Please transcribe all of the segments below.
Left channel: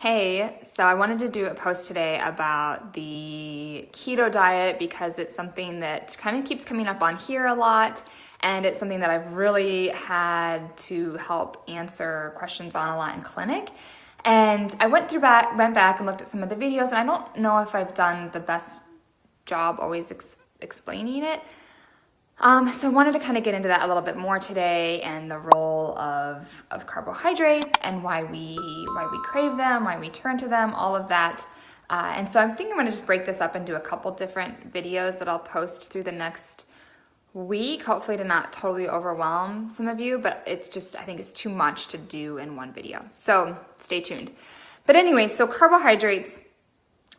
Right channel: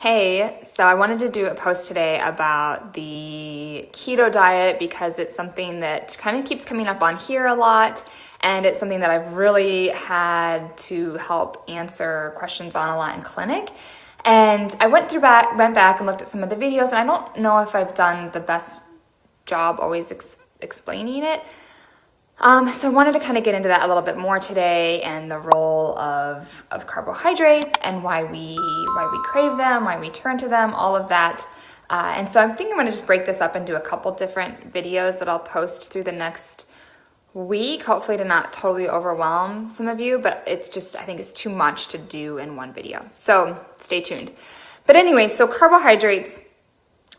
Hey, so I wanted to do a post today about the keto diet because it's something that kind of keeps coming up on here a lot, and it's something that I've really had to help answer questions on a lot in clinic. And I went back and looked at some of the videos, and I don't know if I've done the best job always explaining it. So I wanted to kind of get into that a little bit more today, and the role of carbohydrates and why we crave them, why we turn to them, all of that. And so I'm thinking I'm going to just break this up into a couple different videos that I'll post through the next week, hopefully to not totally overwhelm some of you, but it's just, I think it's too much to do in one video. So stay tuned. But anyway, so carbohydrates,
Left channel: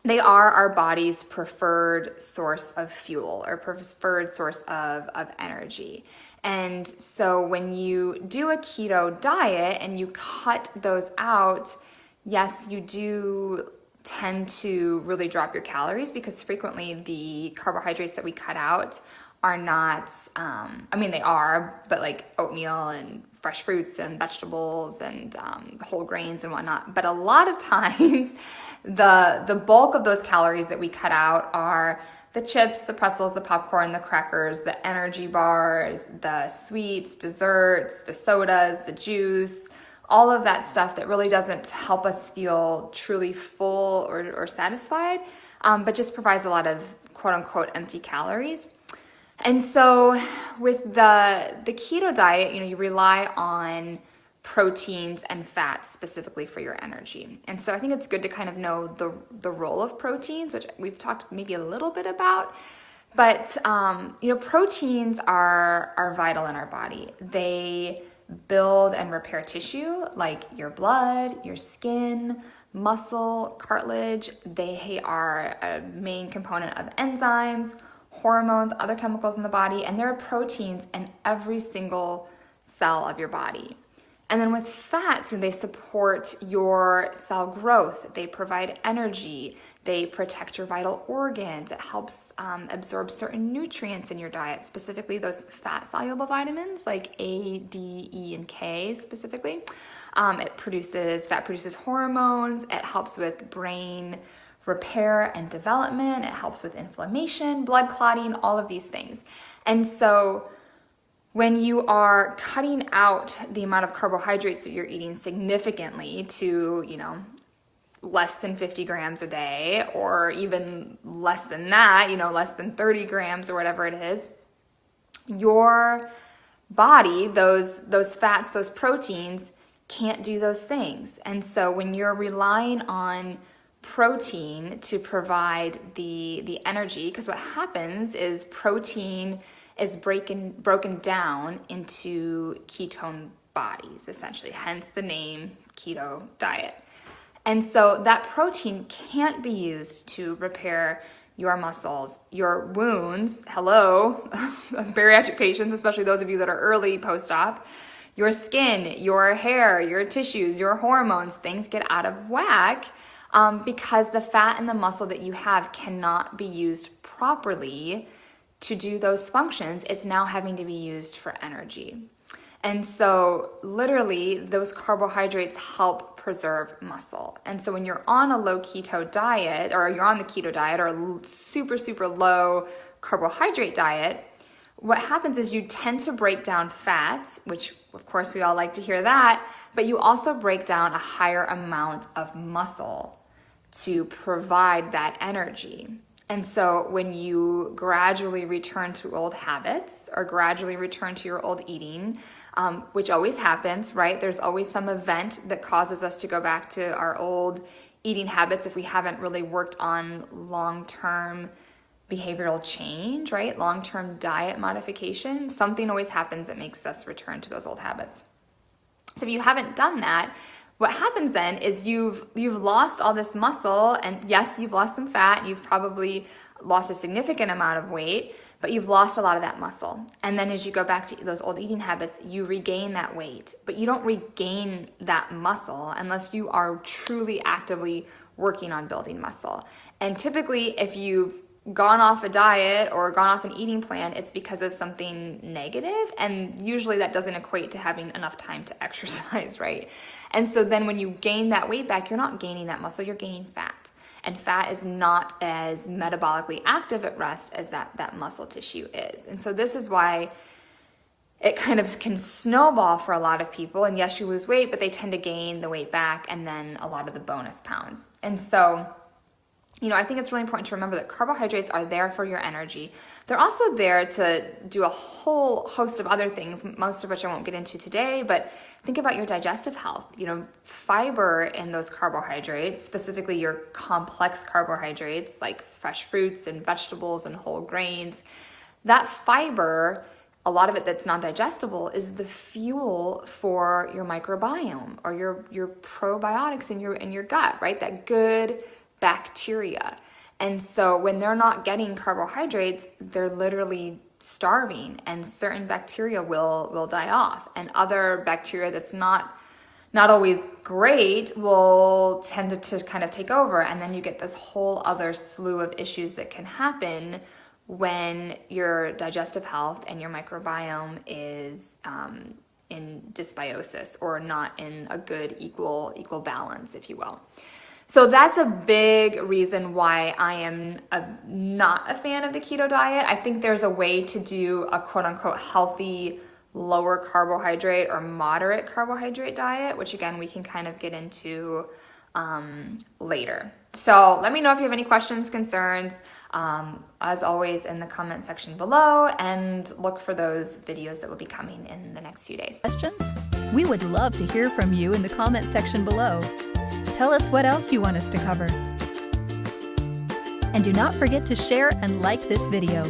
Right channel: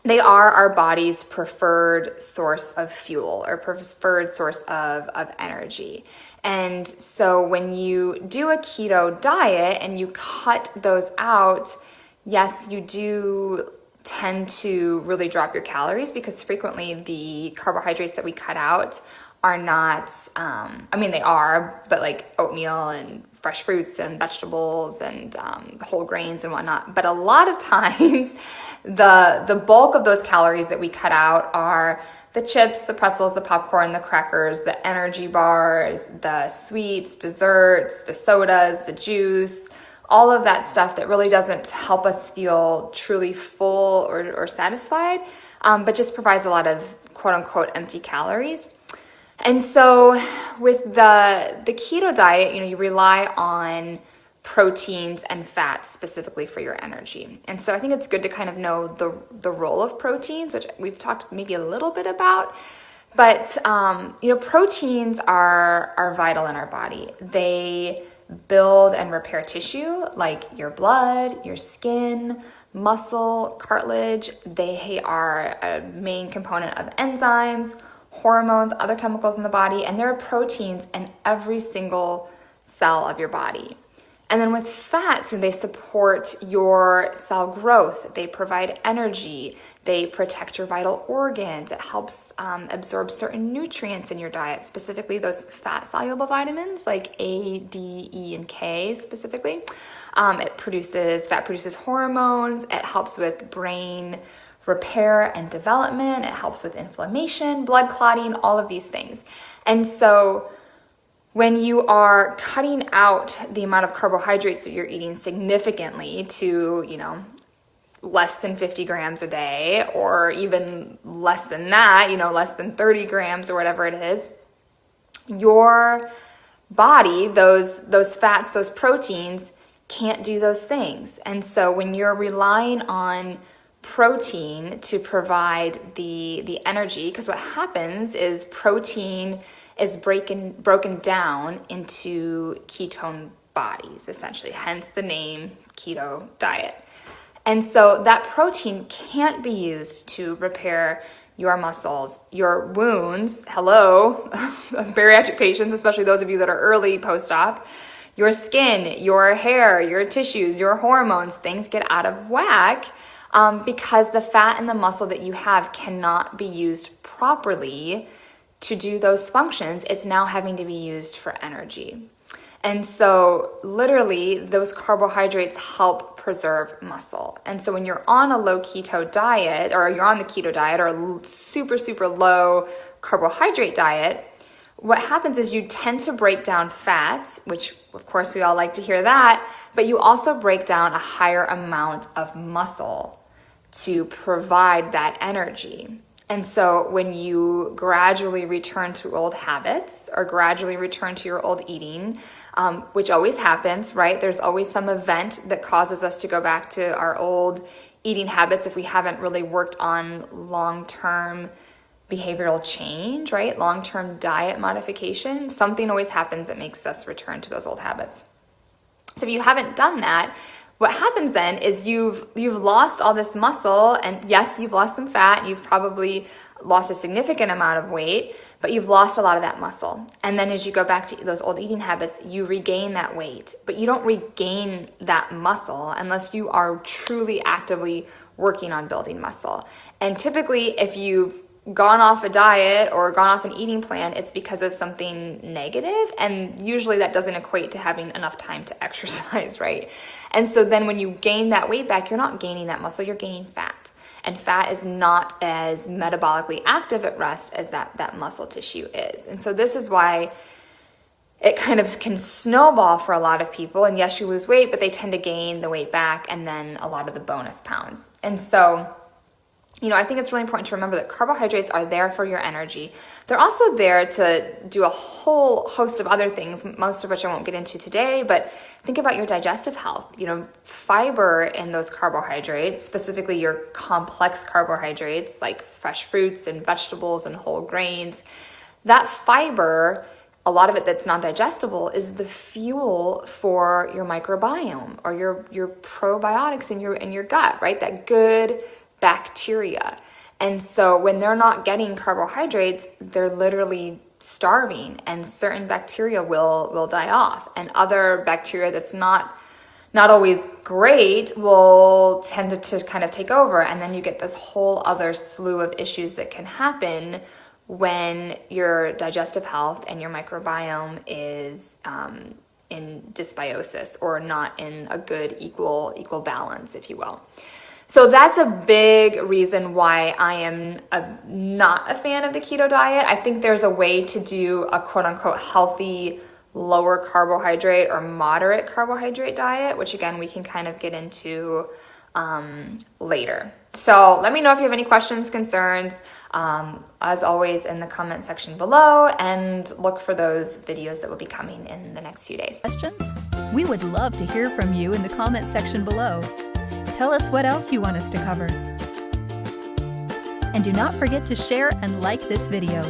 they are our body's preferred source of fuel or preferred source of energy. And so when you do a keto diet and you cut those out, yes, you do tend to really drop your calories because frequently the carbohydrates that we cut out are not, they are, but like oatmeal and fresh fruits and vegetables and whole grains and whatnot. But a lot of times, the bulk of those calories that we cut out are the chips, the pretzels, the popcorn, the crackers, the energy bars, the sweets, desserts, the sodas, the juice, all of that stuff that really doesn't help us feel truly full or satisfied, but just provides a lot of quote unquote empty calories. And so with the keto diet, you rely on proteins and fats specifically for your energy. And so I think it's good to kind of know the role of proteins, which we've talked maybe a little bit about. But, proteins are vital in our body. They build and repair tissue like your blood, your skin, muscle, cartilage. They are a main component of enzymes, hormones, other chemicals in the body, and there are proteins in every single cell of your body. And then with fats, they support your cell growth. They provide energy. They protect your vital organs. It helps absorb certain nutrients in your diet, specifically those fat-soluble vitamins like A, D, E, and K specifically. Fat produces hormones. It helps with brain repair and development. It helps with inflammation, blood clotting, all of these things. And so when you are cutting out the amount of carbohydrates that you're eating significantly to, less than 50 grams a day, or even less than that, less than 30 grams or whatever it is, your body, those fats, those proteins can't do those things. And so when you're relying on protein to provide the energy, because what happens is protein is broken down into ketone bodies, essentially, hence the name keto diet. And so that protein can't be used to repair your muscles, your wounds, hello, bariatric patients, especially those of you that are early post-op, your skin, your hair, your tissues, your hormones, things get out of whack because the fat and the muscle that you have cannot be used properly to do those functions. It's now having to be used for energy. And so literally those carbohydrates help preserve muscle. And so when you're on a low keto diet, or you're on the keto diet or a super, super low carbohydrate diet, what happens is you tend to break down fats, which of course we all like to hear that, but you also break down a higher amount of muscle to provide that energy. And so when you gradually return to old habits or gradually return to your old eating, which always happens, right? There's always some event that causes us to go back to our old eating habits if we haven't really worked on long-term behavioral change, right? Long-term diet modification. Something always happens that makes us return to those old habits. So if you haven't done that, what happens then is you've lost all this muscle, and yes, you've lost some fat, you've probably lost a significant amount of weight, but you've lost a lot of that muscle. And then as you go back to those old eating habits, you regain that weight, but you don't regain that muscle unless you are truly actively working on building muscle. And typically, if you've gone off a diet or gone off an eating plan, it's because of something negative. And usually that doesn't equate to having enough time to exercise, right? And so then when you gain that weight back, you're not gaining that muscle, you're gaining fat. And fat is not as metabolically active at rest as that muscle tissue is. And so this is why it kind of can snowball for a lot of people. And yes, you lose weight, but they tend to gain the weight back and then a lot of the bonus pounds. And so, I think it's really important to remember that carbohydrates are there for your energy. They're also there to do a whole host of other things, most of which I won't get into today, but think about your digestive health. Fiber in those carbohydrates, specifically your complex carbohydrates like fresh fruits and vegetables and whole grains, that fiber, a lot of it that's non-digestible, is the fuel for your microbiome or your probiotics in your gut, right? That good bacteria. And so when they're not getting carbohydrates, they're literally starving, and certain bacteria will die off, and other bacteria that's not always great will tend to kind of take over, and then you get this whole other slew of issues that can happen when your digestive health and your microbiome is in dysbiosis, or not in a good equal balance, if you will. So that's a big reason why I am not a fan of the keto diet. I think there's a way to do a quote unquote healthy, lower carbohydrate or moderate carbohydrate diet, which again, we can kind of get into later. So let me know if you have any questions, concerns, as always in the comment section below, and look for those videos that will be coming in the next few days. Questions? We would love to hear from you in the comment section below. Tell us what else you want us to cover. And do not forget to share and like this video.